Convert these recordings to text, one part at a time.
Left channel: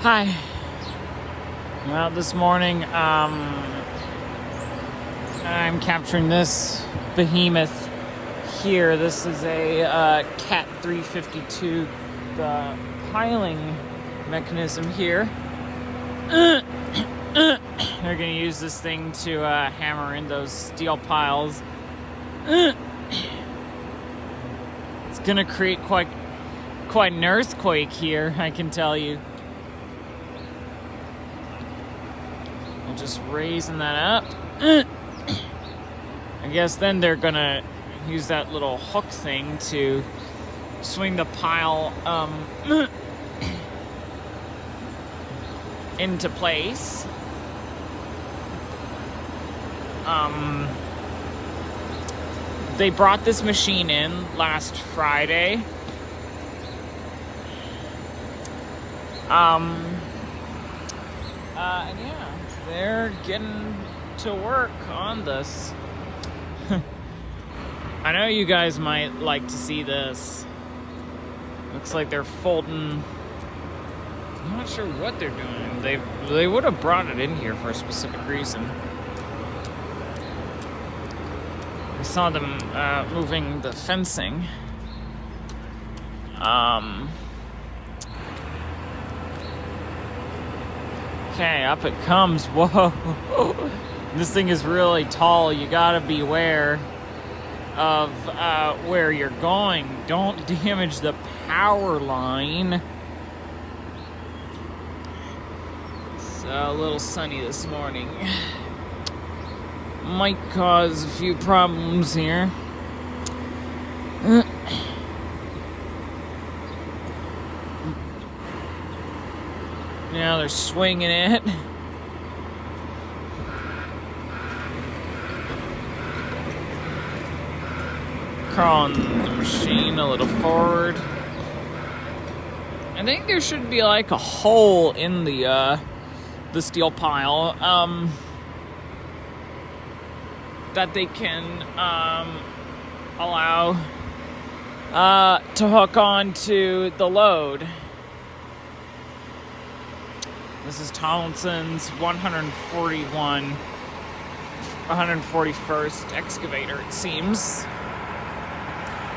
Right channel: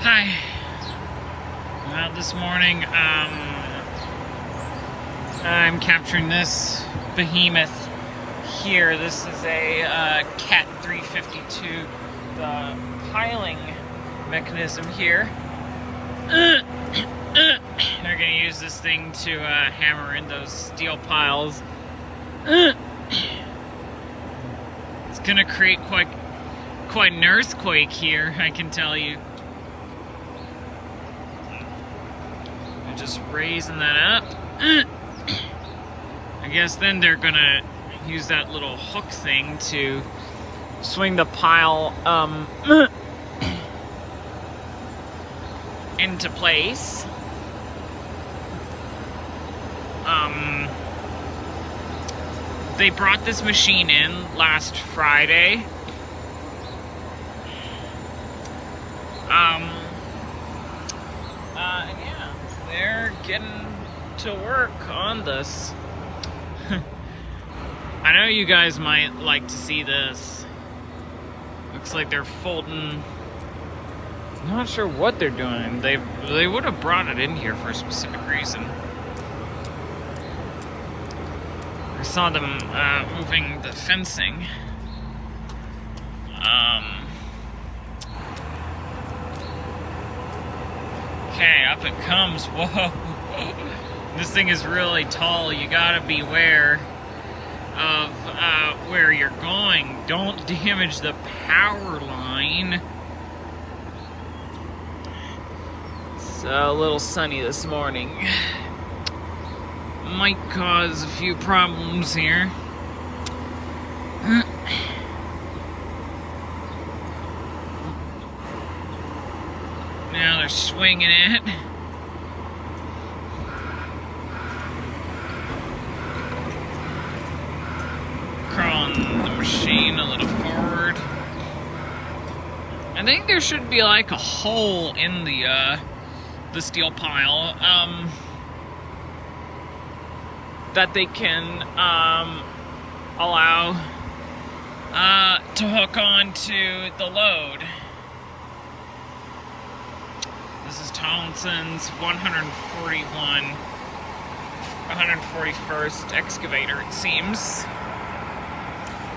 Hi. Well, this morning, I'm capturing this behemoth here. This is a Cat 352 piling mechanism here. They're going to use this thing to hammer in those steel piles. It's going to create quite an earthquake here, I can tell you. Just raising that up. I guess then they're gonna use that little hook thing to swing the pile into place. They brought this machine in last Friday. They're getting to work on this. I know you guys might like to see this. Looks like they're folding. I'm not sure what they're doing. They would have brought it in here for a specific reason. I saw them moving the fencing. Okay, up it comes. Whoa. This thing is really tall. You gotta beware of where you're going. Don't damage the power line. It's a little sunny this morning. Might cause a few problems here. Now they're swinging it. Crawling the machine a little forward. I think there should be like a hole in the steel pile that they can allow to hook onto the load. This is Tomlinson's 141st excavator, it seems.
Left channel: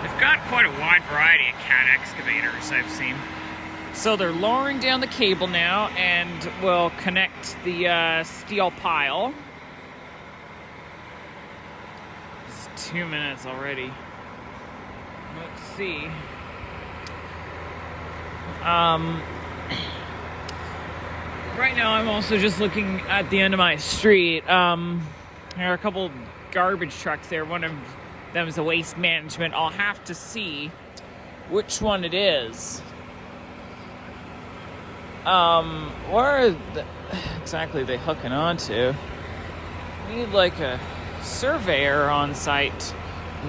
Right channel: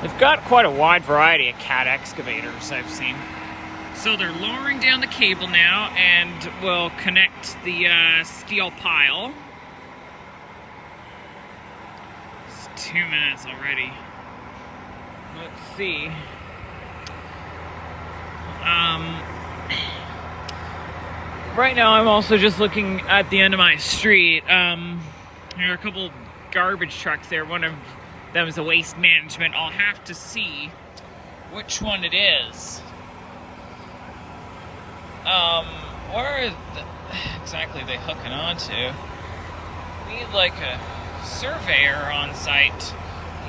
They've got quite a wide variety of Cat excavators I've seen. So they're lowering down the cable now and will connect the steel pile. It's 2 minutes already. Let's see. Right now, I'm also just looking at the end of my street. There are a couple garbage trucks there. One of them is a Waste Management. I'll have to see which one it is. Where exactly are they hooking onto? Need like a surveyor on site.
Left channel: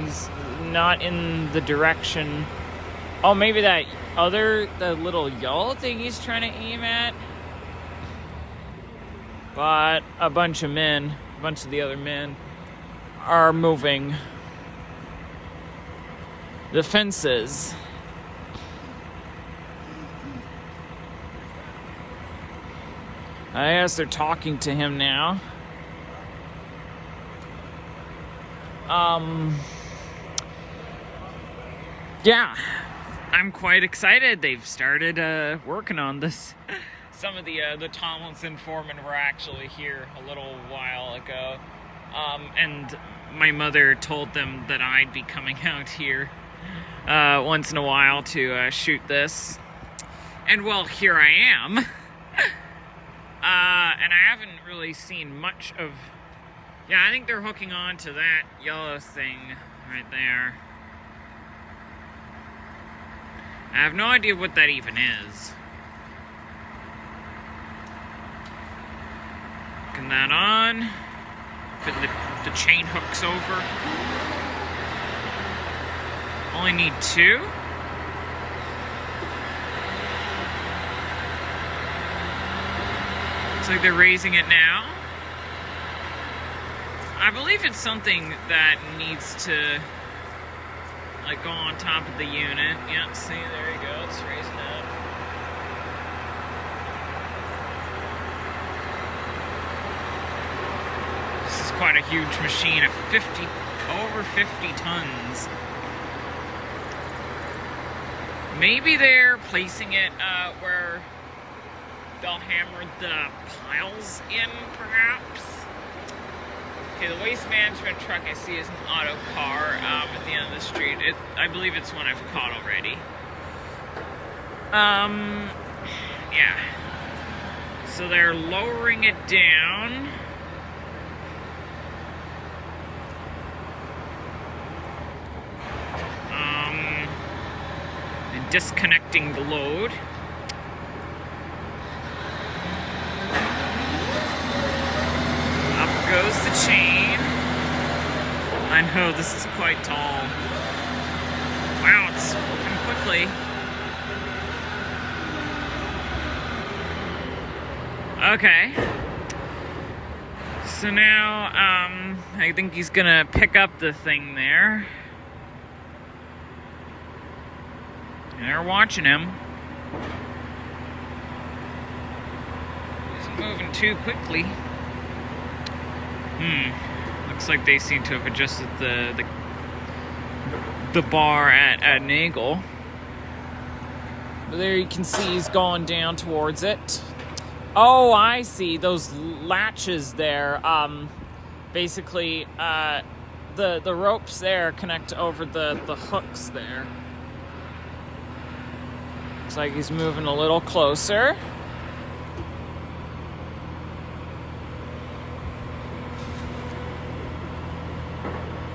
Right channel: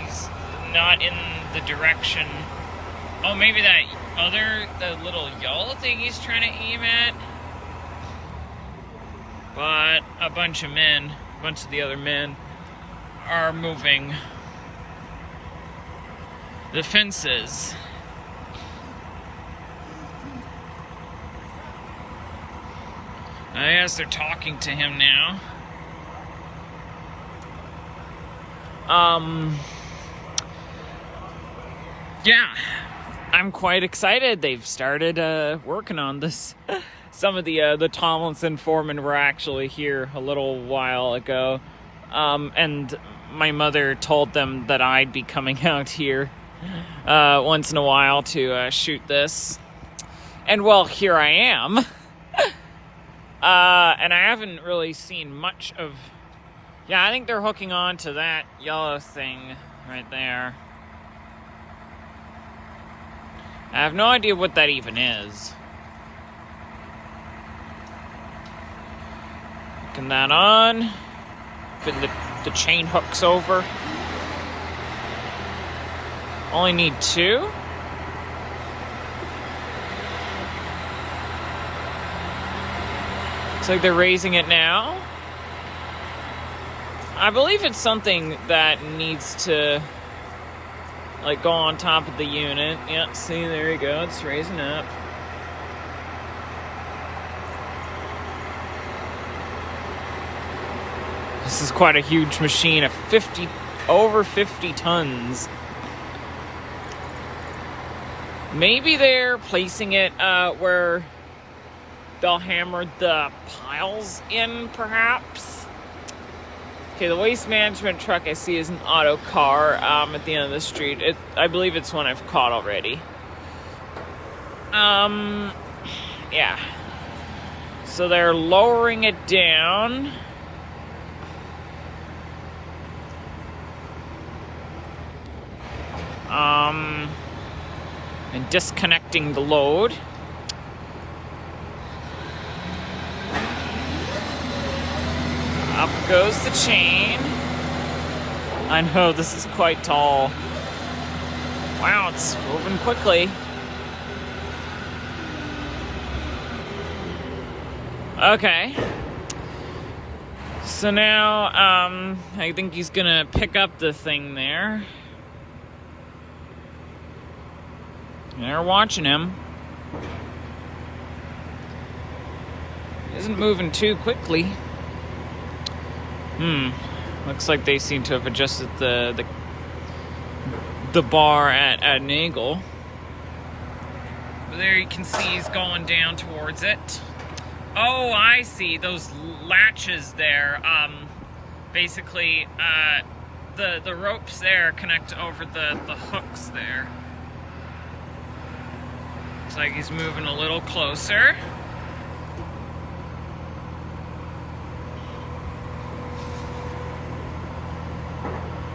He's not in the direction. Oh, maybe the little yellow thing he's trying to aim at. But a bunch of the other men are moving the fences. I guess they're talking to him now. Yeah, I'm quite excited. They've started working on this. Some of the Tomlinson foremen were actually here a little while ago, and my mother told them that I'd be coming out here once in a while to shoot this. And well, here I am. And I haven't really seen much of... Yeah, I think they're hooking on to that yellow thing right there. I have no idea what that even is. Hooking that on. Put the chain hooks over. Only need 2. Looks like they're raising it now. I believe it's something that needs to like go on top of the unit. Yeah, see, there you go, it's raising up. This is quite a huge machine, over 50 tons. Maybe they're placing it where they'll hammer the piles in, perhaps. Okay, the waste management truck I see is an auto car at the end of the street. I believe it's one I've caught already. Yeah. So they're lowering it down. And disconnecting the load. Up goes the chain. I know, this is quite tall. Wow, it's moving quickly. Okay. So now, I think he's gonna pick up the thing there. And they're watching him. He isn't moving too quickly. Looks like they seem to have adjusted the bar at an angle. But there you can see he's going down towards it. Oh, I see. Those latches there. Basically, the ropes there connect over the hooks there. Looks like he's moving a little closer.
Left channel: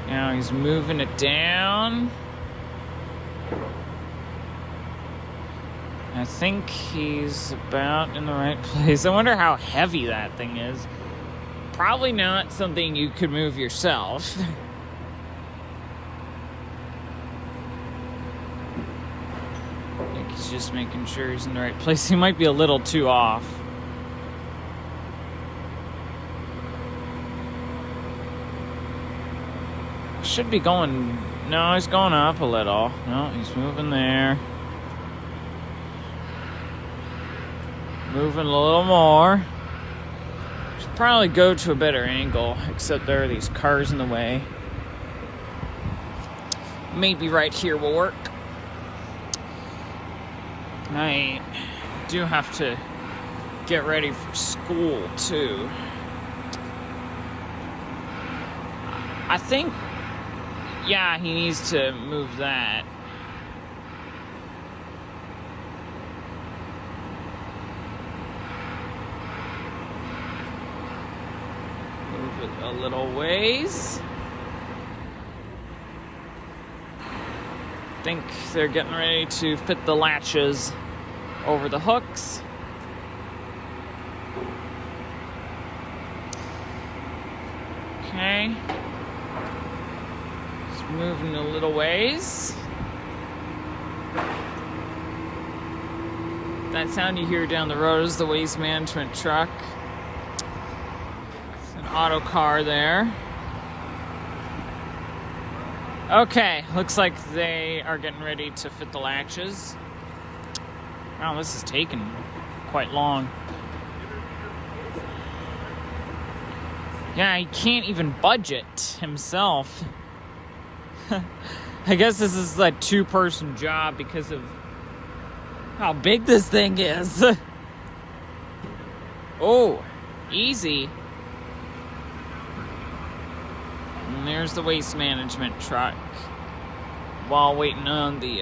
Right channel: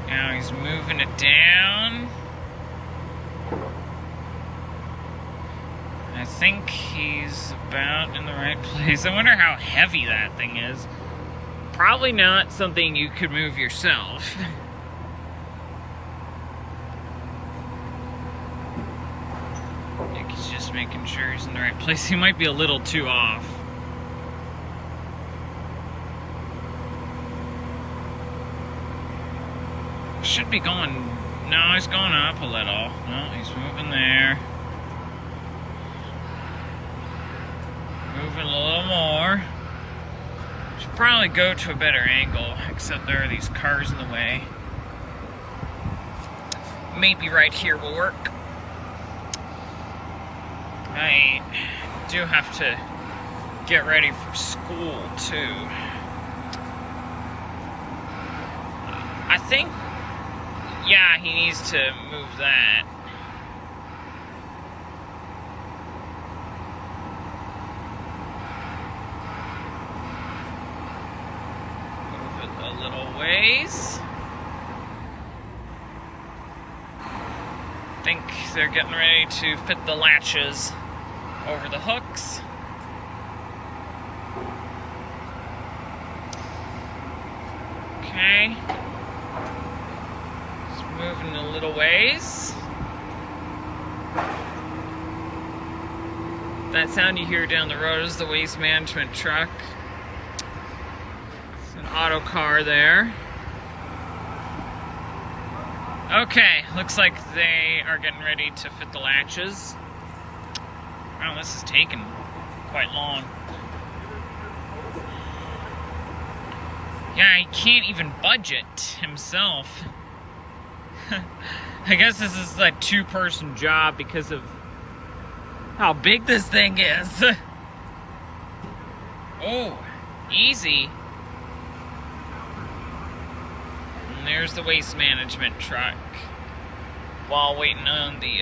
Now he's moving it down. I think he's about in the right place. I wonder how heavy that thing is. Probably not something you could move yourself. I think he's just making sure he's in the right place. He might be a little too off. Should be going... No, he's going up a little. No, he's moving there. Moving a little more. Should probably go to a better angle, except there are these cars in the way. Maybe right here will work. I do have to get ready for school, too. I think... Yeah, he needs to move that. Move it a little ways. I think they're getting ready to fit the latches over the hooks. Okay. Moving a little ways. That sound you hear down the road is the waste management truck. It's an auto car there. Okay, looks like they are getting ready to fit the latches. Wow, this is taking quite long. Yeah, he can't even budget himself. I guess this is a two-person job because of how big this thing is. Oh, easy. And there's the waste management truck while waiting on the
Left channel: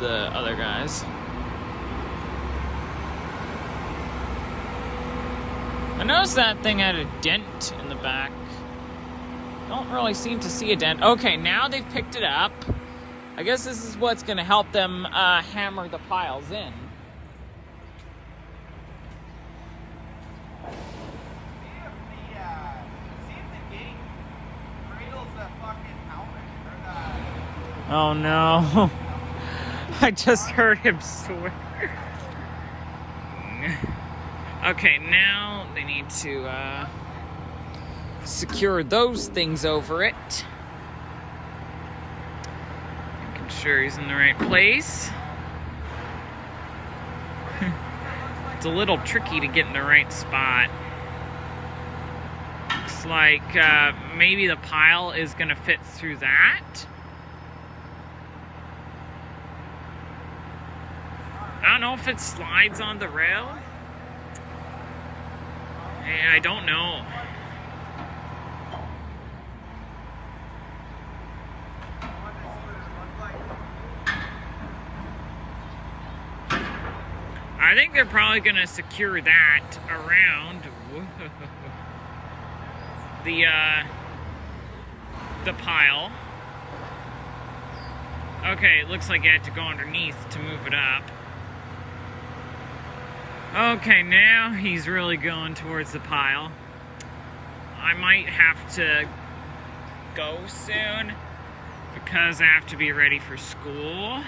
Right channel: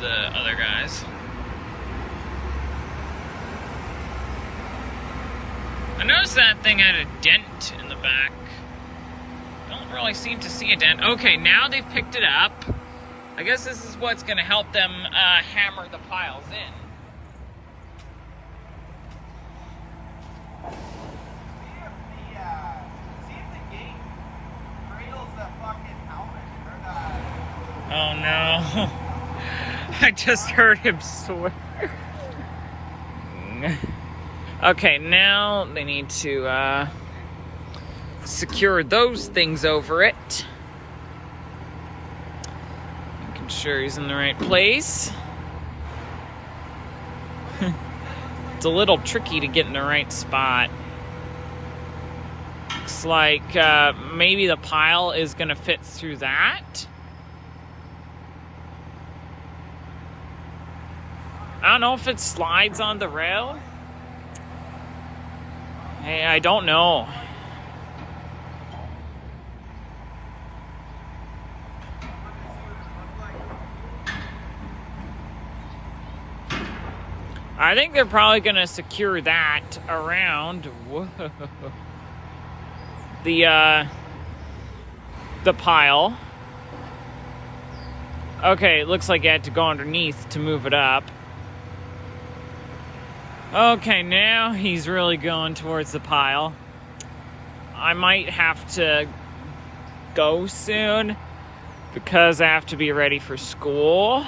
other guys. I noticed that thing had a dent in the back. I don't really seem to see a dent. Okay, now they've picked it up. I guess this is what's going to help them hammer the piles in. See if the gate cradles the fucking helmet. Oh no. I just heard him swear. Okay, now they need to secure those things over it. Making sure he's in the right place. It's a little tricky to get in the right spot. Looks like maybe the pile is gonna fit through that. I don't know if it slides on the rail. Hey, I don't know. I think they're probably gonna secure that around the pile. Okay, it looks like I had to go underneath to move it up. Okay, now he's really going towards the pile. I might have to go soon because I have to be ready for school.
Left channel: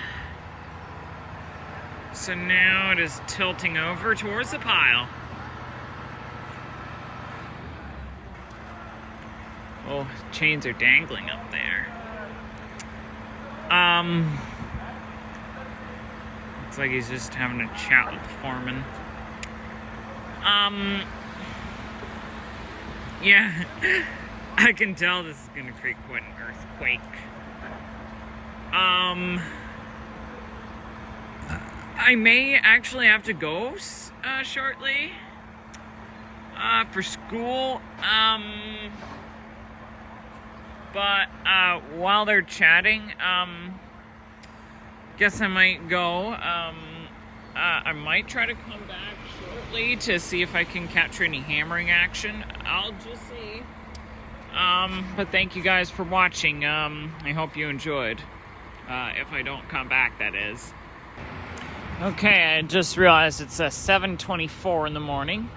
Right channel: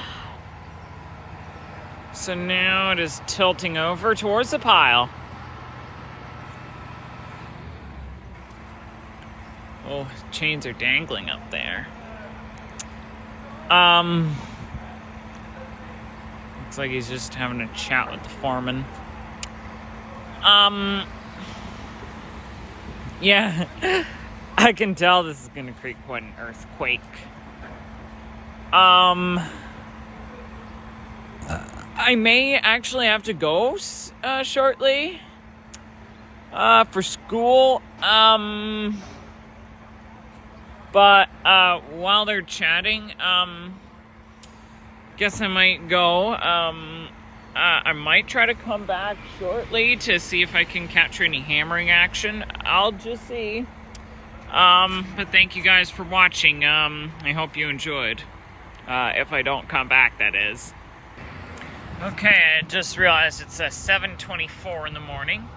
So now it is tilting over towards the pile. Oh, chains are dangling up there. Looks like he's just having a chat with the foreman. Yeah, I can tell this is gonna create quite an earthquake. I may actually have to go shortly for school. But while they're chatting, guess I might go. I might try to come back shortly to see if I can capture any hammering action. I'll just see. But thank you guys for watching. I hope you enjoyed. If I don't come back, that is. Okay, I just realized it's 7:24 in the morning.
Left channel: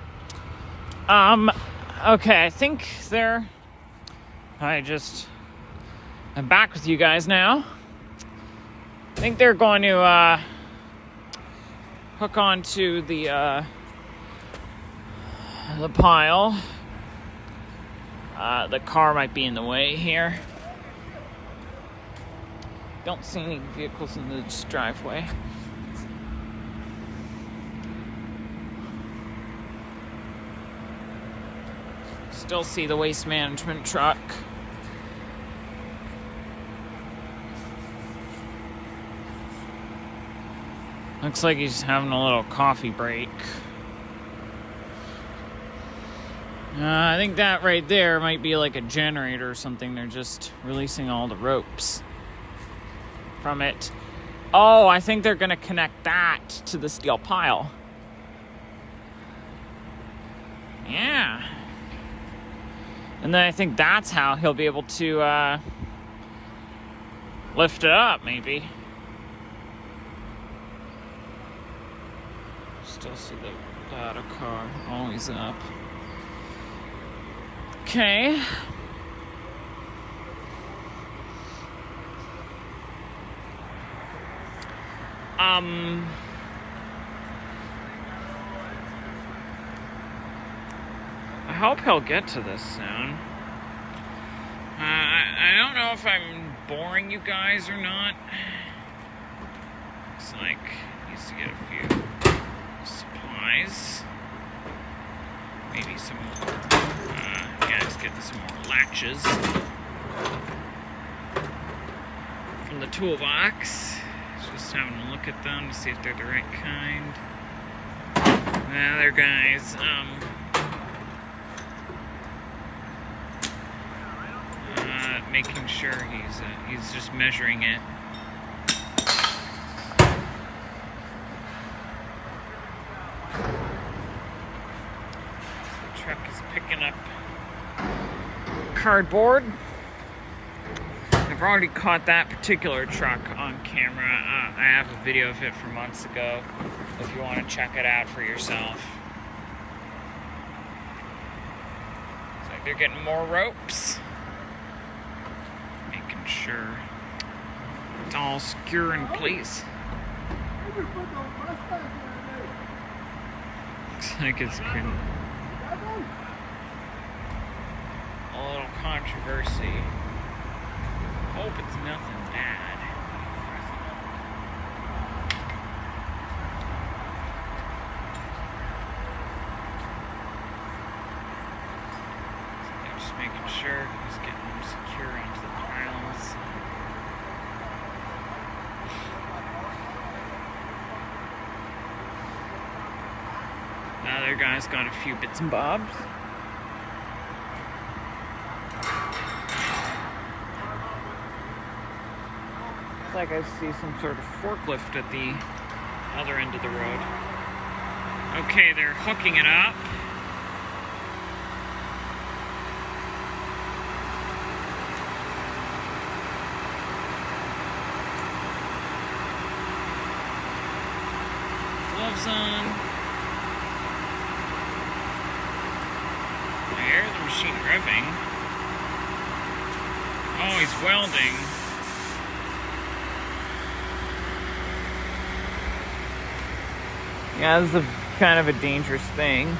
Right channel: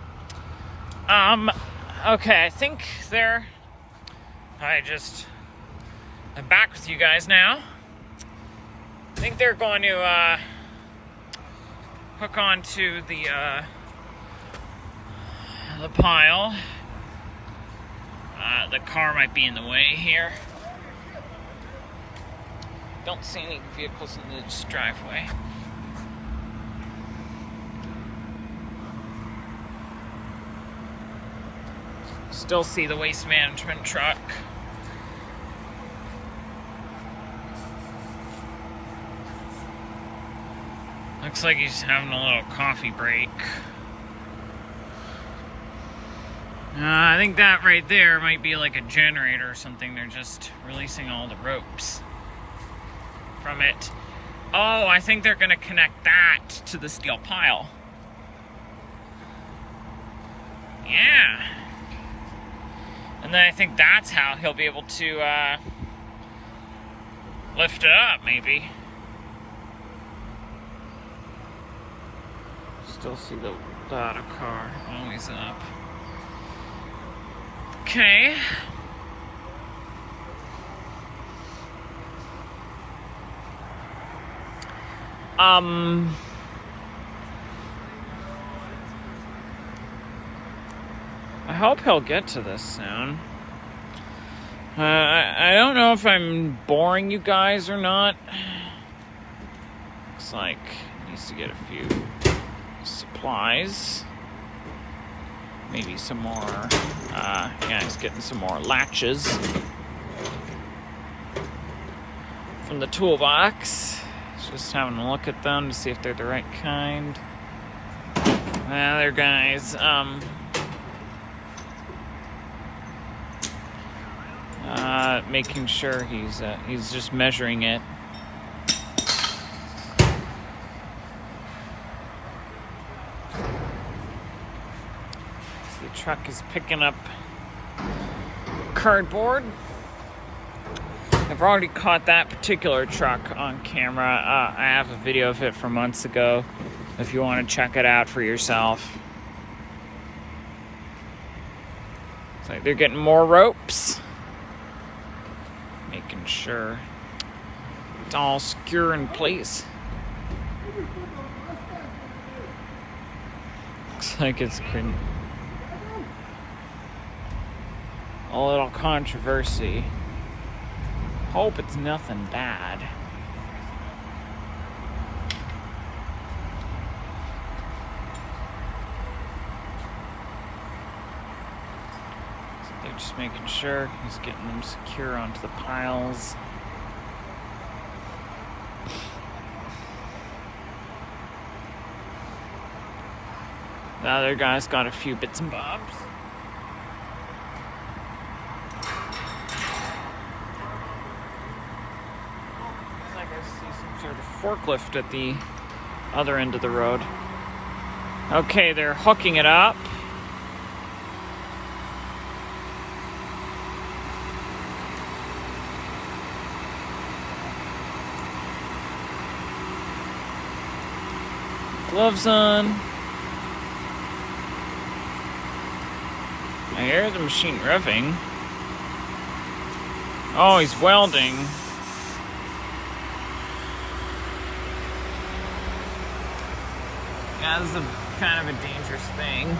Okay, I think I'm back with you guys now. I think they're going to hook onto the pile. The car might be in the way here. Don't see any vehicles in this driveway. Still see the waste management truck. Looks like he's having a little coffee break. I think that right there might be like a generator or something. They're just releasing all the ropes from it. Oh, I think they're gonna connect that to the steel pile. Yeah. And then I think that's how he'll be able to lift it up, maybe. Still see the Lada car always up. Okay. I hope he'll get to this soon. I don't know if I'm boring you guys or not. Looks like he needs to get a few supplies. Maybe some more, yeah, he's getting some more latches from the toolbox. Just having a look at them to see if they're the right kind. Well, they're guys. Making sure he's just measuring it. The truck is picking up cardboard. I've already caught that particular truck on camera. I have a video of it from months ago if you want to check it out for yourself. It's like they're getting more ropes. Making sure it's all secure in place. Looks like it's creating a little controversy. Hope it's nothing bad. Just making sure he's getting them secure onto the piles. The other guy's got a few bits and bobs. Looks like I see some sort of forklift at the other end of the road. Okay, they're hooking it up. Gloves on. I hear the machine revving. Oh, he's welding. Yeah, this is kind of a dangerous thing.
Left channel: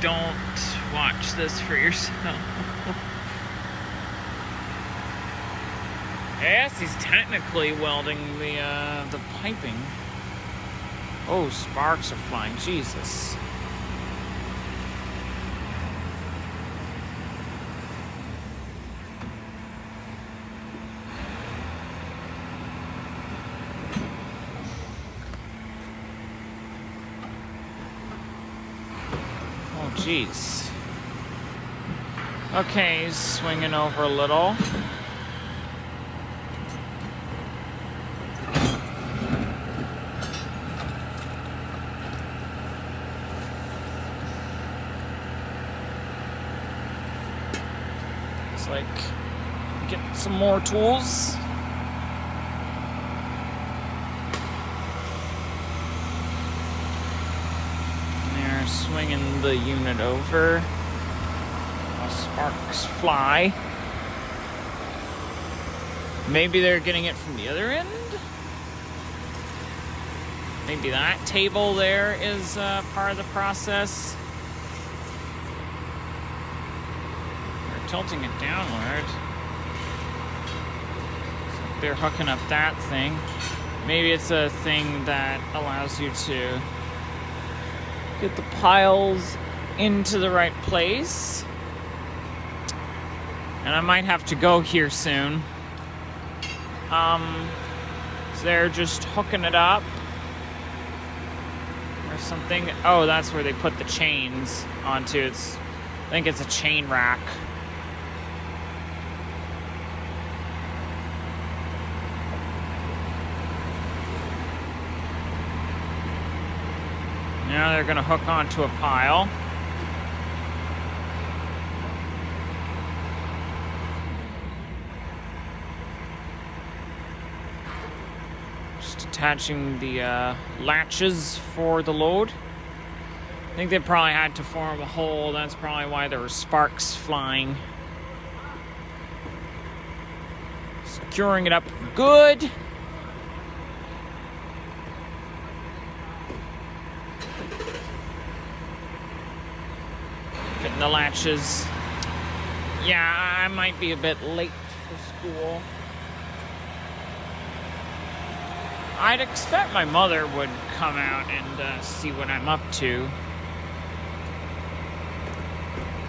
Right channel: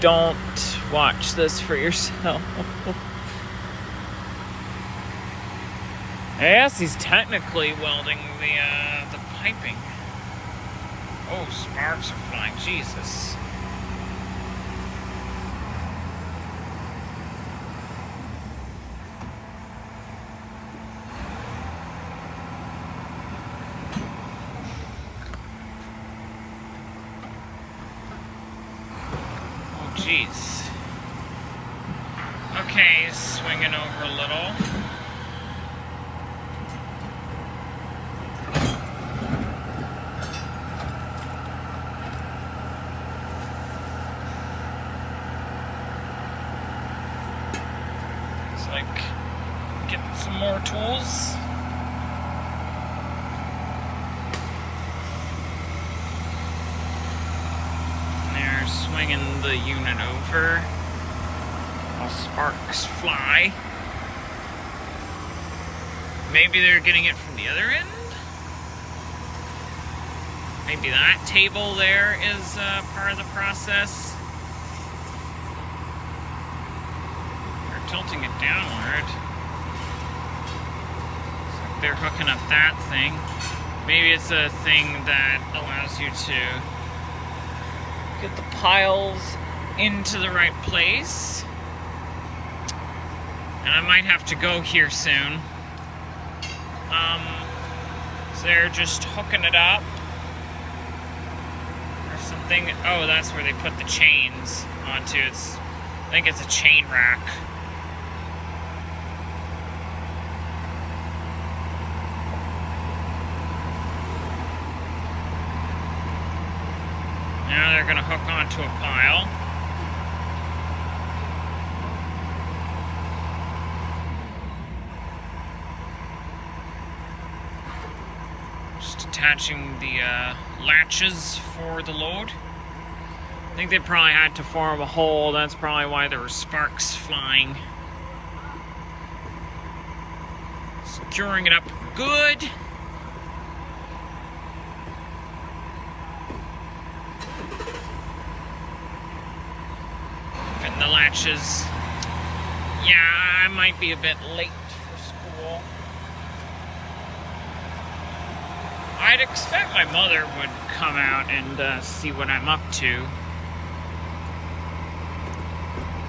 Don't watch this for yourself. Yes, he's technically welding the piping. Oh, sparks are flying. Jesus. Oh, jeez. Okay, he's swinging over a little. Get some more tools. They're swinging the unit over while sparks fly. Maybe they're getting it from the other end? Maybe that table there is part of the process. They're tilting it downward. They're hooking up that thing. Maybe it's a thing that allows you to get the piles into the right place. And I might have to go here soon. So they're just hooking it up or something. Oh, that's where they put the chains onto. I think it's a chain rack. Now they're going to hook onto a pile. Just attaching the latches for the load. I think they probably had to form a hole. That's probably why there were sparks flying. Securing it up good. Fitting the latches. Yeah, I might be a bit late for school. I'd expect my mother would come out and see what I'm up to.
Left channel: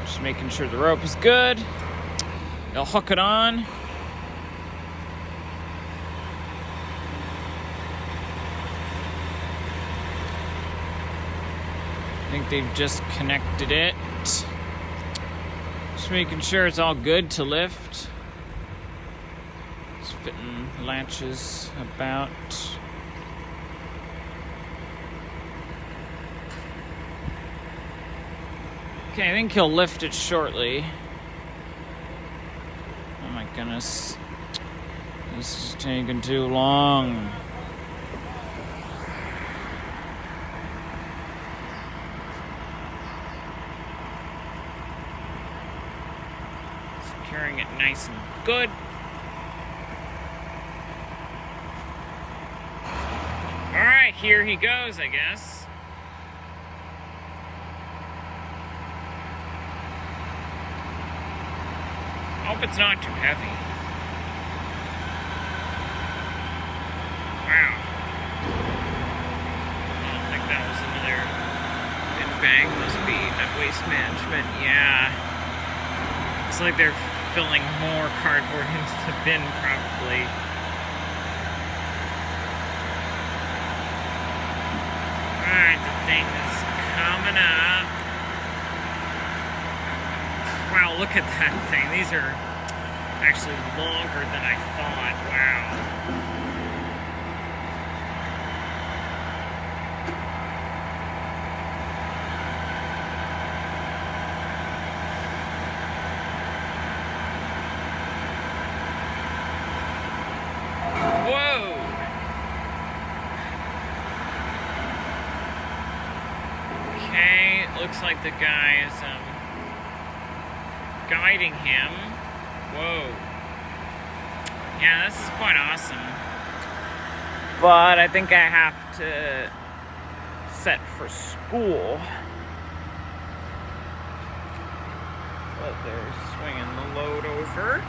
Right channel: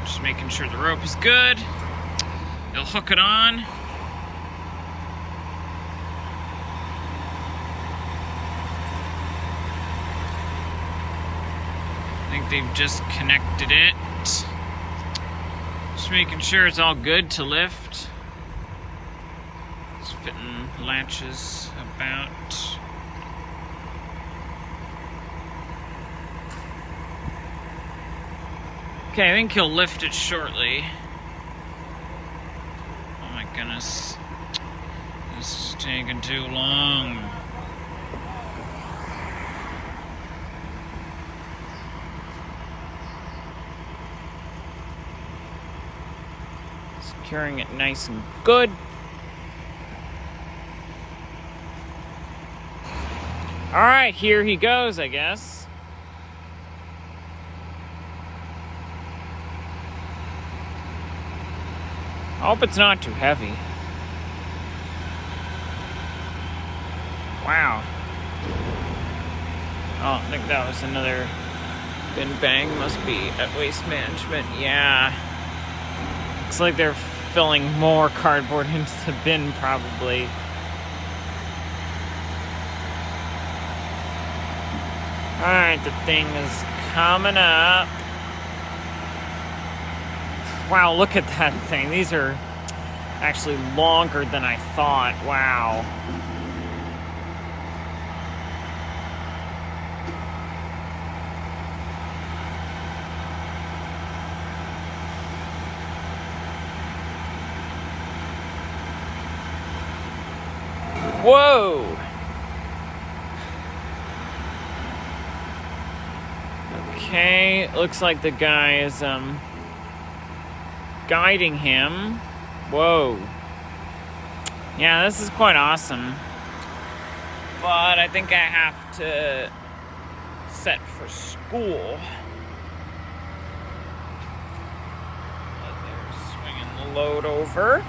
Just making sure the rope is good. They'll hook it on. I think they've just connected it. Just making sure it's all good to lift. Just fitting latches about. Okay, I think he'll lift it shortly. Oh my goodness. This is taking too long. Securing it nice and good. All right, here he goes, I guess. I hope it's not too heavy. Wow. Oh, I think that was another bin bang. Must be at Waste Management. Yeah. Looks like they're filling more cardboard into the bin, probably. Alright, the thing is coming up. Wow, look at that thing. These are actually longer than I thought. Wow. Whoa! Okay, it looks like the guy is guiding him. Whoa. Yeah, this is quite awesome. But I think I have to set for school. Oh, they're swinging the load over.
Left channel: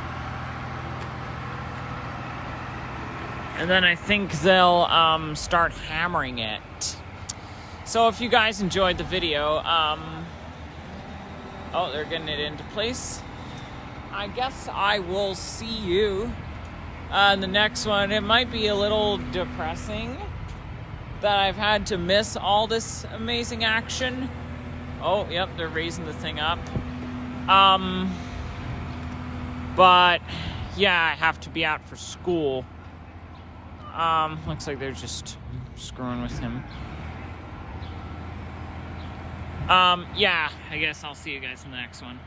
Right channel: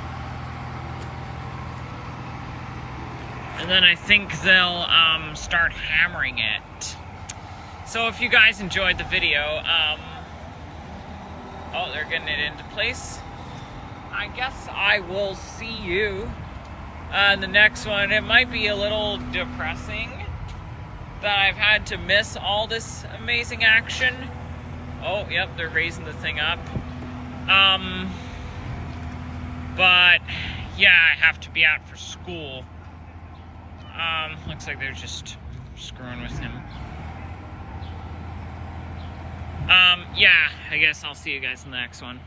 And then I think they'll start hammering it. So if you guys enjoyed the video, oh, they're getting it into place. I guess I will see you in the next one. It might be a little depressing that I've had to miss all this amazing action. Oh, yep, they're raising the thing up. But yeah, I have to be out for school. Looks like they're just screwing with him. Yeah, I guess I'll see you guys in the next one.